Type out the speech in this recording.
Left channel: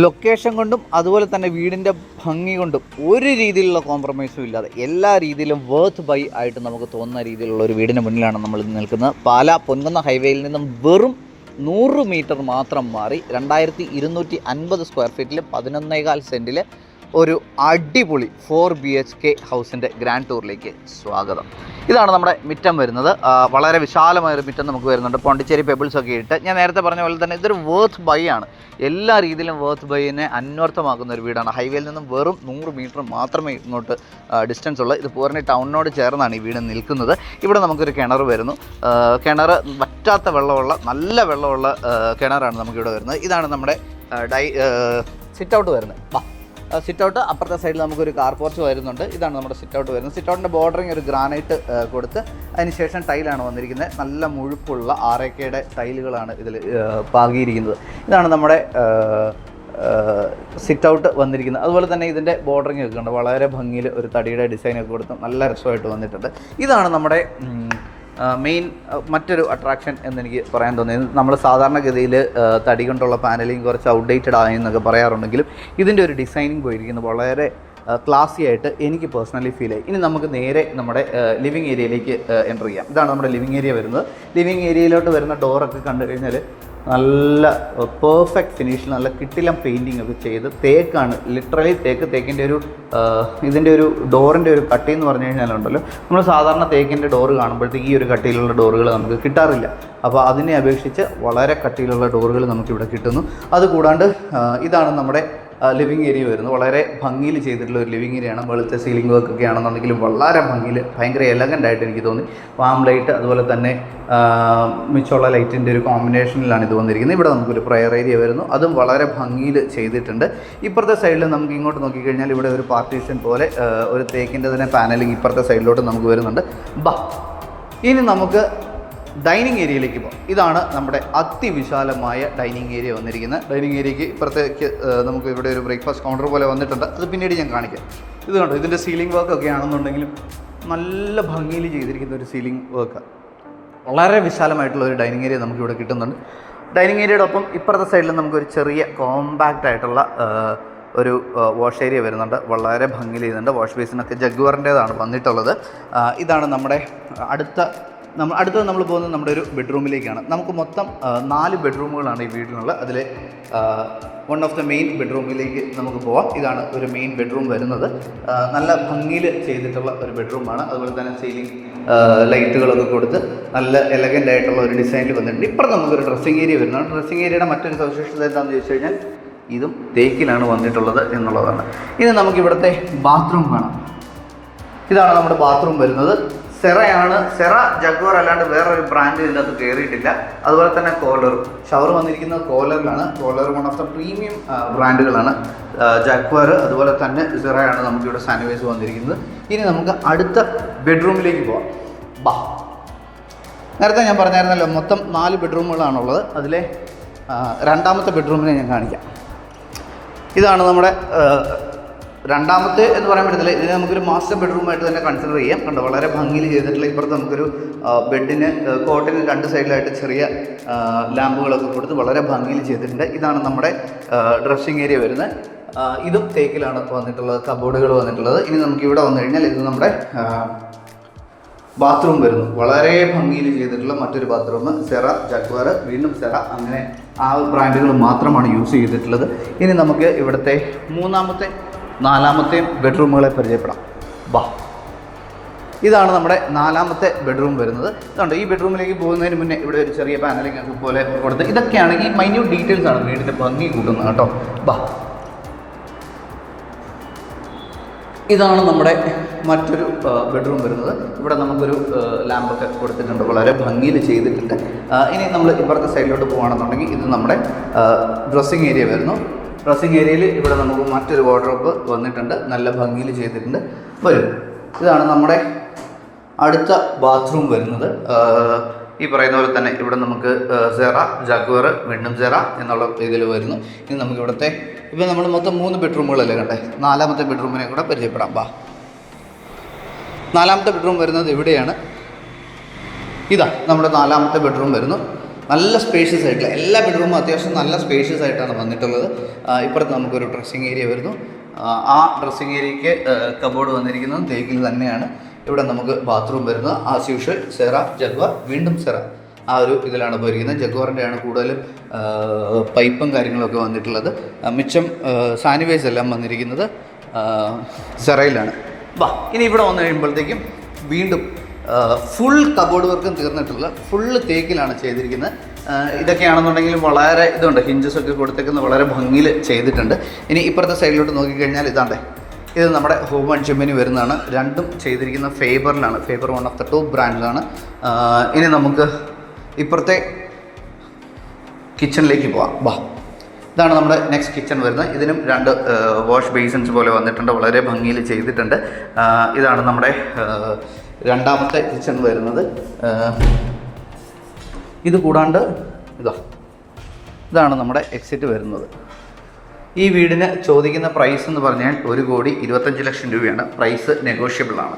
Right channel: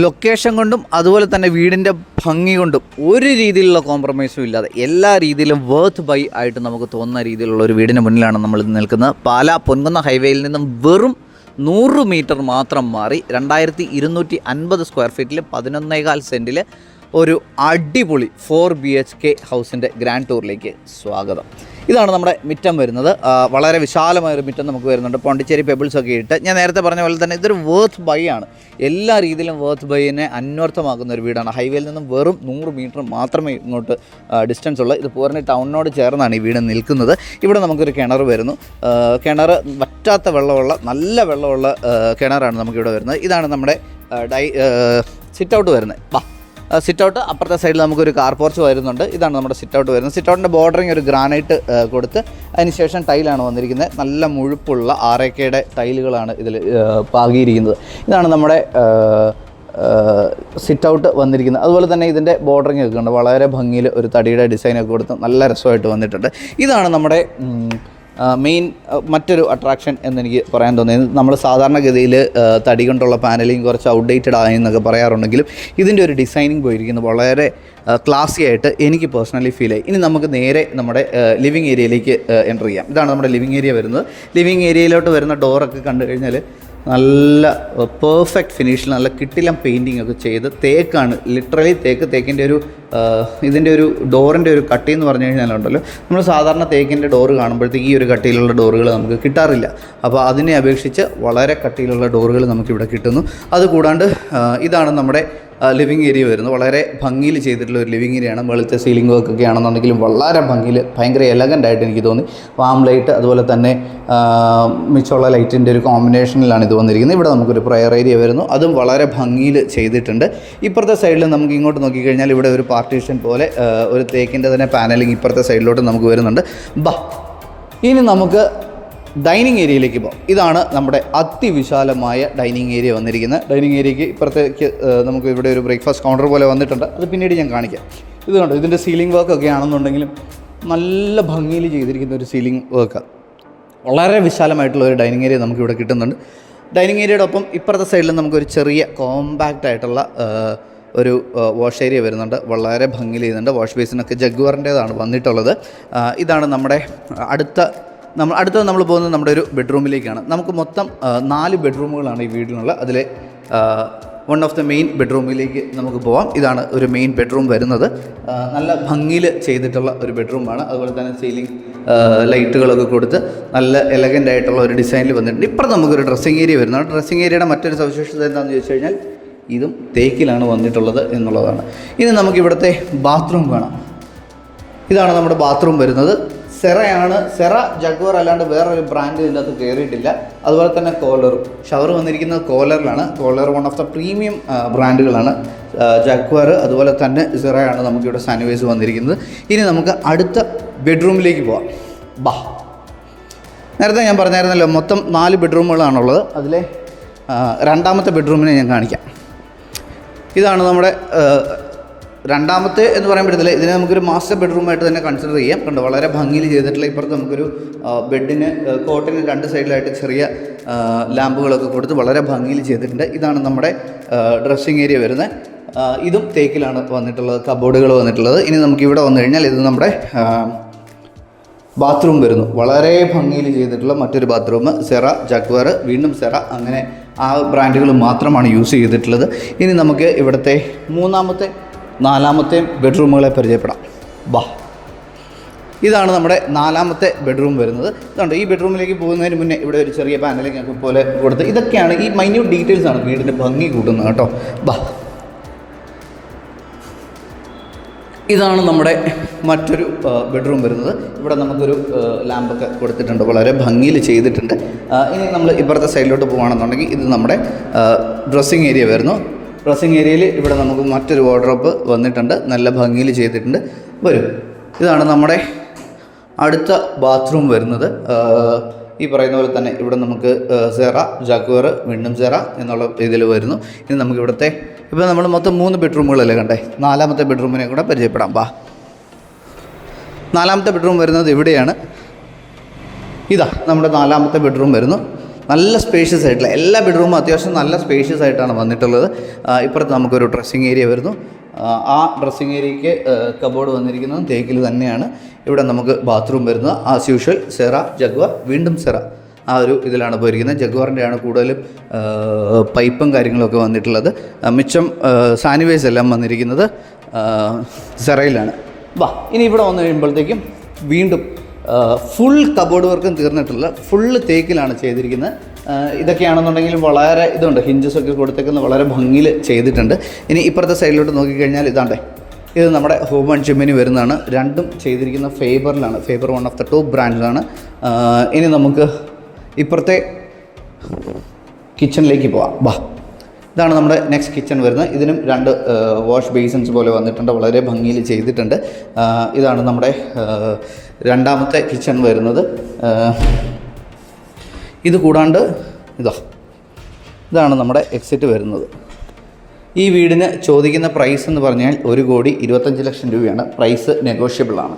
Location കൊണ്ടും അതുപോലെ തന്നെ വീടിൻ്റെ ഭംഗി കൊണ്ടും ഒരു രീതിയിലുള്ള കോംപ്രമൈസും ഇല്ലാതെ എല്ലാ രീതിയിലും വർത്ത് ബൈ ആയിട്ട് നമുക്ക് തോന്നുന്ന രീതിയിലുള്ള ഒരു വീടിന് മുന്നിലാണ് നമ്മൾ നിൽക്കുന്നത്. പാലാ പൊൻകുന്ന ഹൈവേയിൽ നിന്നും വെറും 100 മീറ്റർ മാത്രം മാറി 2250 സ്ക്വയർ ഫീറ്റിൽ 11.25 സെൻറ്റിൽ ഒരു അടിപൊളി 4 BHK ഹൗസിൻ്റെ ഗ്രാൻഡ് ടൂറിലേക്ക് സ്വാഗതം. ഇതാണ് നമ്മുടെ മിറ്റം വരുന്നത്. വളരെ വിശാലമായൊരു മിറ്റം നമുക്ക് വരുന്നുണ്ട്. പോണ്ടിച്ചേരി പെബിൾസൊക്കെ ഇട്ട് ഞാൻ നേരത്തെ പറഞ്ഞ പോലെ തന്നെ ഇതൊരു വർത്ത് ബൈ ആണ്. എല്ലാ രീതിയിലും വർത്ത് ബൈനെ അന്വർത്ഥമാക്കുന്ന ഒരു വീടാണ്. ഹൈവേയിൽ നിന്നും വെറും 100 മീറ്റർ മാത്രമേ ഇങ്ങോട്ട് ഡിസ്റ്റൻസ് ഉള്ളൂ. ഇത് പൂർണ്ണ ടൗണിനോട് ചേർന്നാണ് ഈ വീട് നിൽക്കുന്നത്. ഇവിടെ നമുക്കൊരു കിണർ വരുന്നു. കിണർ വറ്റാത്ത വെള്ളമുള്ള നല്ല വെള്ളമുള്ള കിണറാണ് നമുക്കിവിടെ വരുന്നത്. ഇതാണ് നമ്മുടെ സിറ്റ് ഔട്ട് വരുന്നത്. സിറ്റ് ഔട്ട് അപ്പുറത്തെ സൈഡിൽ നമുക്കൊരു കാർ പോർച്ച് വരുന്നുണ്ട്. ഇതാണ് നമ്മുടെ സിറ്റ് ഔട്ട് വരുന്നത്. സിറ്റ് ഔട്ടിൻ്റെ ബോർഡറിങ് ഒരു ഗ്രാനൈറ്റ് കൊടുത്ത് അതിനുശേഷം ടൈലാണ് വന്നിരിക്കുന്നത്. നല്ല മുഴുപ്പുള്ള RAKയുടെ ടൈലുകളാണ് ഇതിൽ പാകിയിരിക്കുന്നത്. ഇതാണ് നമ്മുടെ സിറ്റ് ഔട്ട് വന്നിരിക്കുന്നത്. അതുപോലെ തന്നെ ഇതിൻ്റെ ബോർഡറിങ് ഒക്കെ ഉണ്ട്. വളരെ ഭംഗിയിൽ ഒരു തടിയുടെ ഡിസൈനൊക്കെ കൊടുത്ത് നല്ല രസമായിട്ട് വന്നിട്ടുണ്ട്. ഇതാണ് നമ്മുടെ മെയിൻ മറ്റൊരു അട്രാക്ഷൻ എന്നെനിക്ക് പറയാൻ തോന്നിയത്. നമ്മൾ സാധാരണഗതിയിൽ തടി കൊണ്ടുള്ള പാനലിങ് കുറച്ച് ഔട്ട്ഡേറ്റഡ് ആയി എന്നൊക്കെ പറയാറുണ്ടെങ്കിലും ഇതിൻ്റെ ഒരു ഡിസൈനിങ് പോയിരിക്കുന്നത് വളരെ ക്ലാസി ആയിട്ട് എനിക്ക് പേഴ്സണലി ഫീൽ ആയി. ഇനി നമുക്ക് നേരെ നമ്മുടെ ലിവിങ് ഏരിയയിലേക്ക് എൻ്റർ ചെയ്യാം. ഇതാണ് നമ്മുടെ ലിവിങ് ഏരിയ വരുന്നത്. ലിവിങ് ഏരിയയിലോട്ട് വരുന്ന ഡോറൊക്കെ കണ്ടു കഴിഞ്ഞാൽ നല്ല പെർഫെക്റ്റ് ഫിനിഷിൽ നല്ല കിട്ടിലം പെയിൻറ്റിങ് ഒക്കെ ചെയ്ത് തേക്കാണ്, ലിറ്ററലി തേക്കിൻ്റെ ഒരു ഇതിൻ്റെ ഒരു ഡോറിൻ്റെ ഒരു കട്ടി എന്ന് പറഞ്ഞു കഴിഞ്ഞാലുണ്ടല്ലോ, നമ്മൾ സാധാരണ തേക്കിൻ്റെ ഡോറ് കാണുമ്പോഴത്തേക്ക് ഈ ഒരു കട്ടിയിലുള്ള ഡോറുകൾ നമുക്ക് കിട്ടാറില്ല. അപ്പോൾ അതിനെ അപേക്ഷിച്ച് വളരെ കട്ടിയിലുള്ള ഡോറുകൾ നമുക്കിവിടെ കിട്ടുന്നു. അതുകൂടാണ്ട് ഇതാണ് നമ്മുടെ ലിവിങ് ഏരിയ വരുന്നത്. വളരെ ഭംഗിയിൽ ചെയ്തിട്ടുള്ള ഒരു ലിവിങ് ഏരിയയാണ്. വെളുത്ത സീലിംഗ് വർക്ക് ഒക്കെ ആണെന്നുണ്ടെങ്കിലും വളരെ ഭംഗിയിൽ ഭയങ്കര എലഗൻ്റ് ആയിട്ട് എനിക്ക് തോന്നി. വാം ലൈറ്റ് അതുപോലെ തന്നെ മിച്ചമുള്ള ലൈറ്റിൻ്റെ ഒരു കോമ്പിനേഷനിലാണ് ഇത് വന്നിരിക്കുന്നത്. ഇവിടെ നമുക്കൊരു പ്രയർ ഏരിയ വരുന്നു. അതും വളരെ ഭംഗിയിൽ ചെയ്തിട്ടുണ്ട്. ഇപ്പുറത്തെ സൈഡിൽ നമുക്ക് ഇങ്ങോട്ട് നോക്കിക്കഴിഞ്ഞാൽ ഇവിടെ ഒരു പാർട്ടീഷൻ പോലെ ഒരു തേക്കിൻ്റെ തന്നെ പാനലിങ് ഇപ്പുറത്തെ സൈഡിലോട്ട് നമുക്ക് വരുന്നുണ്ട്. ഇനി നമുക്ക് ഡൈനിങ് ഏരിയയിലേക്ക് പോകാം. ഇതാണ് നമ്മുടെ അതിവിശാലമായ ഡൈനിങ് ഏരിയ വന്നിരിക്കുന്നത്. ഡൈനിങ് ഏരിയയ്ക്ക് ഇപ്പുറത്തേക്ക് നമുക്ക് ഇവിടെ ഒരു ബ്രേക്ക്ഫാസ്റ്റ് കൗണ്ടർ പോലെ വന്നിട്ടുണ്ട്. അത് പിന്നീട് ഞാൻ കാണിക്കാം. ഇത് കണ്ടോ, ഇതിൻ്റെ സീലിംഗ് വർക്കൊക്കെ ആണെന്നുണ്ടെങ്കിലും നല്ല ഭംഗിയിൽ ചെയ്തിരിക്കുന്ന ഒരു സീലിംഗ് വർക്കാണ്. വളരെ വിശാലമായിട്ടുള്ള ഒരു ഡൈനിങ് ഏരിയ നമുക്കിവിടെ കിട്ടുന്നുണ്ട്. ഡൈനിങ് ഏരിയയുടെ ഒപ്പം ഇപ്പുറത്തെ സൈഡിൽ നമുക്കൊരു ചെറിയ കോമ്പാക്റ്റ് ആയിട്ടുള്ള ഒരു വാഷ് ഏരിയ വരുന്നുണ്ട്. വളരെ ഭംഗിയിൽ ചെയ്യുന്നുണ്ട്. വാഷ് ബേസിനൊക്കെ ജഗ്വാറിൻ്റേതാണ് വന്നിട്ടുള്ളത്. ഇതാണ് നമ്മുടെ അടുത്തത് നമ്മൾ പോകുന്നത് നമ്മുടെ ഒരു ബെഡ്റൂമിലേക്കാണ്. നമുക്ക് മൊത്തം 4 ബെഡ്റൂമുകളാണ് ഈ വീടിനുള്ള. അതിൽ വൺ ഓഫ് ദ മെയിൻ ബെഡ്റൂമിലേക്ക് നമുക്ക് പോവാം. ഇതാണ് ഒരു മെയിൻ ബെഡ്റൂം വരുന്നത്. നല്ല ഭംഗിയിൽ ചെയ്തിട്ടുള്ള ഒരു ബെഡ്റൂമാണ്. അതുപോലെ തന്നെ സീലിംഗ് ലൈറ്റുകളൊക്കെ കൊടുത്ത് നല്ല എലഗൻ്റ് ആയിട്ടുള്ള ഒരു ഡിസൈനിൽ വന്നിട്ടുണ്ട്. ഇപ്പുറം നമുക്കൊരു ഡ്രസ്സിങ് ഏരിയ വരുന്നതാണ്. ഡ്രസ്സിങ് ഏരിയയുടെ മറ്റൊരു സവിശേഷത എന്താണെന്ന് ചോദിച്ചു കഴിഞ്ഞാൽ ഇതും തേക്കിലാണ് വന്നിട്ടുള്ളത് എന്നുള്ളതാണ്. ഇനി നമുക്കിവിടുത്തെ ബാത്റൂം കാണാം. ഇതാണ് നമ്മുടെ ബാത്റൂം വരുന്നത്. സെറയാണ്. സെറ ജഗ്വാർ അല്ലാണ്ട് വേറൊരു ബ്രാൻഡ് ഇതിനകത്ത് കയറിയിട്ടില്ല. അതുപോലെ തന്നെ കോലർ ഷവർ വന്നിരിക്കുന്നത് കോലറിലാണ്. Kohler one of the premium ബ്രാൻഡുകളാണ്. ജഗ്വാർ അതുപോലെ തന്നെ സെറയാണ് നമുക്കിവിടെ സാനിവേഴ്സ് വന്നിരിക്കുന്നത്. ഇനി നമുക്ക് അടുത്ത ബെഡ്റൂമിലേക്ക് പോവാം. നേരത്തെ ഞാൻ പറഞ്ഞായിരുന്നല്ലോ മൊത്തം 4 ബെഡ്റൂമുകളാണുള്ളത്. അതിലെ രണ്ടാമത്തെ ബെഡ്റൂമിനെ ഞാൻ കാണിക്കാം. ഇതാണ് നമ്മുടെ രണ്ടാമത്തെ എന്ന് പറയാൻ പറ്റത്തില്ല. ഇതിനെ നമുക്കൊരു മാസ്റ്റർ ബെഡ്റൂമായിട്ട് തന്നെ കൺസിഡർ ചെയ്യാം. കണ്ടോ, വളരെ ഭംഗിയിൽ ചെയ്തിട്ടുള്ള. ഇപ്പുറത്ത് നമുക്കൊരു ബെഡിന് കോട്ടിന് 2 സൈഡിലായിട്ട് ചെറിയ ലാമ്പുകളൊക്കെ കൊടുത്ത് വളരെ ഭംഗിയിൽ ചെയ്തിട്ടുണ്ട്. ഇതാണ് നമ്മുടെ ഡ്രസ്സിങ് ഏരിയ വരുന്നത്. ഇതും തേക്കിലാണ് വന്നിട്ടുള്ളത്, കബോർഡുകൾ വന്നിട്ടുള്ളത്. ഇനി നമുക്കിവിടെ വന്നു കഴിഞ്ഞാൽ ഇത് നമ്മുടെ ബാത്റൂം വരുന്നു. വളരെ ഭംഗിയിൽ ചെയ്തിട്ടുള്ള മറ്റൊരു ബാത്റൂം. സെറ, ജഗ്വാർ, വീണ്ടും സെറ, അങ്ങനെ ആ ബ്രാൻഡുകൾ മാത്രമാണ് യൂസ് ചെയ്തിട്ടുള്ളത്. ഇനി നമുക്ക് ഇവിടുത്തെ 3ാമത്തെ 4ാമത്തെയും ബെഡ്റൂമുകളെ പരിചയപ്പെടാം. ഇതാണ് നമ്മുടെ 4ാമത്തെ ബെഡ്റൂം വരുന്നത്. ഇതുണ്ട്. ഈ ബെഡ്റൂമിലേക്ക് പോകുന്നതിന് മുന്നേ ഇവിടെ ഒരു ചെറിയ പാനലിംഗ് ഒക്കെ പോലെ കൊടുത്ത് ഇതൊക്കെയാണ് ഈ മൈന്യൂട്ട് ഡീറ്റെയിൽസ് ആണ് വീടിൻ്റെ ഭംഗി കൂട്ടുന്നത് കേട്ടോ. ഇതാണ് നമ്മുടെ മറ്റൊരു ബെഡ്റൂം വരുന്നത്. ഇവിടെ നമുക്കൊരു ലാമ്പൊക്കെ കൊടുത്തിട്ടുണ്ട്. വളരെ ഭംഗിയിൽ ചെയ്തിട്ടുണ്ട്. ഇനി നമ്മൾ ഇപ്പുറത്തെ സൈഡിലോട്ട് പോകുകയാണെന്നുണ്ടെങ്കിൽ ഇത് നമ്മുടെ ഡ്രസ്സിങ് ഏരിയ വരുന്നു. ഡ്രസ്സിങ് ഏരിയയിൽ ഇവിടെ നമുക്ക് മറ്റൊരു വാർഡ്രോബ് വന്നിട്ടുണ്ട്. നല്ല ഭംഗിയിൽ ചെയ്തിട്ടുണ്ട്. ഇതാണ് നമ്മുടെ അടുത്ത ബാത്റൂം വരുന്നത്. ഈ പറയുന്ന പോലെ തന്നെ ഇവിടെ നമുക്ക് സെറ, ജഗ്വാർ, വീണ്ടും സെറ എന്നുള്ള ഇതിൽ വരുന്നു. ഇനി നമുക്ക് ഇവിടുത്തെ ഇപ്പോൾ നമ്മൾ മൊത്തം 3 ബെഡ്റൂമുകളല്ലേ കണ്ടേ. 4ാമത്തെ ബെഡ്റൂമിനെ കൂടെ പരിചയപ്പെടാം. 4ാമത്തെ ബെഡ്റൂം വരുന്നത് ഇവിടെയാണ്. ഇതാ നമ്മുടെ 4ാമത്തെ ബെഡ്റൂം വരുന്നു. നല്ല സ്പേഷ്യസ് ആയിട്ടുള്ള എല്ലാ ബെഡ്റൂമും അത്യാവശ്യം നല്ല സ്പേഷ്യസ് ആയിട്ടാണ് വന്നിട്ടുള്ളത്. ഇപ്പുറത്ത് നമുക്കൊരു ഡ്രസ്സിങ് ഏരിയ വരുന്നു. ആ ഡ്രസ്സിങ് ഏരിയയ്ക്ക് കബോർഡ് വന്നിരിക്കുന്നത് തേക്കിൽ തന്നെയാണ്. ഇവിടെ നമുക്ക് ബാത്റൂം വരുന്നത് ആസ് യൂഷ്വൽ സെറ ജഗ്വാർ, വീണ്ടും സെറ ആ ഒരു ഇതിലാണ് പോയിരിക്കുന്നത്. ജഗ്വാറിൻ്റെ ആണ് കൂടുതലും പൈപ്പും കാര്യങ്ങളൊക്കെ വന്നിട്ടുള്ളത്. മിച്ചം സാനിവൈസ് എല്ലാം വന്നിരിക്കുന്നത് സെറയിലാണ്. ഇനി ഇവിടെ വന്നു കഴിയുമ്പോഴത്തേക്കും വീണ്ടും ഫുൾ കബോർഡ് വർക്കും തീർന്നിട്ടുള്ള ഫുള്ള് തേക്കിലാണ് ചെയ്തിരിക്കുന്നത്. ഇതൊക്കെയാണെന്നുണ്ടെങ്കിലും വളരെ ഇതുണ്ട്, ഹിഞ്ചസ് ഒക്കെ കൊടുത്തേക്കുന്ന വളരെ ഭംഗിയിൽ ചെയ്തിട്ടുണ്ട്. ഇനി ഇപ്പുറത്തെ സൈഡിലോട്ട് നോക്കിക്കഴിഞ്ഞാൽ ഇതാണ്ടേ, ഇത് നമ്മുടെ ഹോം ആൻഡ് ജിമ്മിന് വരുന്നതാണ്. രണ്ടും ചെയ്തിരിക്കുന്ന ഫേബറിലാണ്. Faber one of the top ബ്രാൻഡിലാണ്. ഇനി നമുക്ക് ഇപ്പുറത്തെ കിച്ചണിലേക്ക് പോവാം. ഇതാണ് നമ്മുടെ നെക്സ്റ്റ് കിച്ചൺ വരുന്നത്. ഇതിനും 2 വാഷ് ബേസിൻസ് പോലെ വന്നിട്ടുണ്ട്, വളരെ ഭംഗിയിൽ ചെയ്തിട്ടുണ്ട്. ഇതാണ് നമ്മുടെ രണ്ടാമത്തെ കിച്ചൺ വരുന്നത്. ഇത് കൂടാണ്ട് ഇതാണ് നമ്മുടെ എക്സിറ്റ് വരുന്നത്. ഈ വീടിന് ചോദിക്കുന്ന പ്രൈസ് എന്ന് പറഞ്ഞാൽ 1,25,00,000 രൂപയാണ്. പ്രൈസ് നെഗോഷ്യബിളാണ്.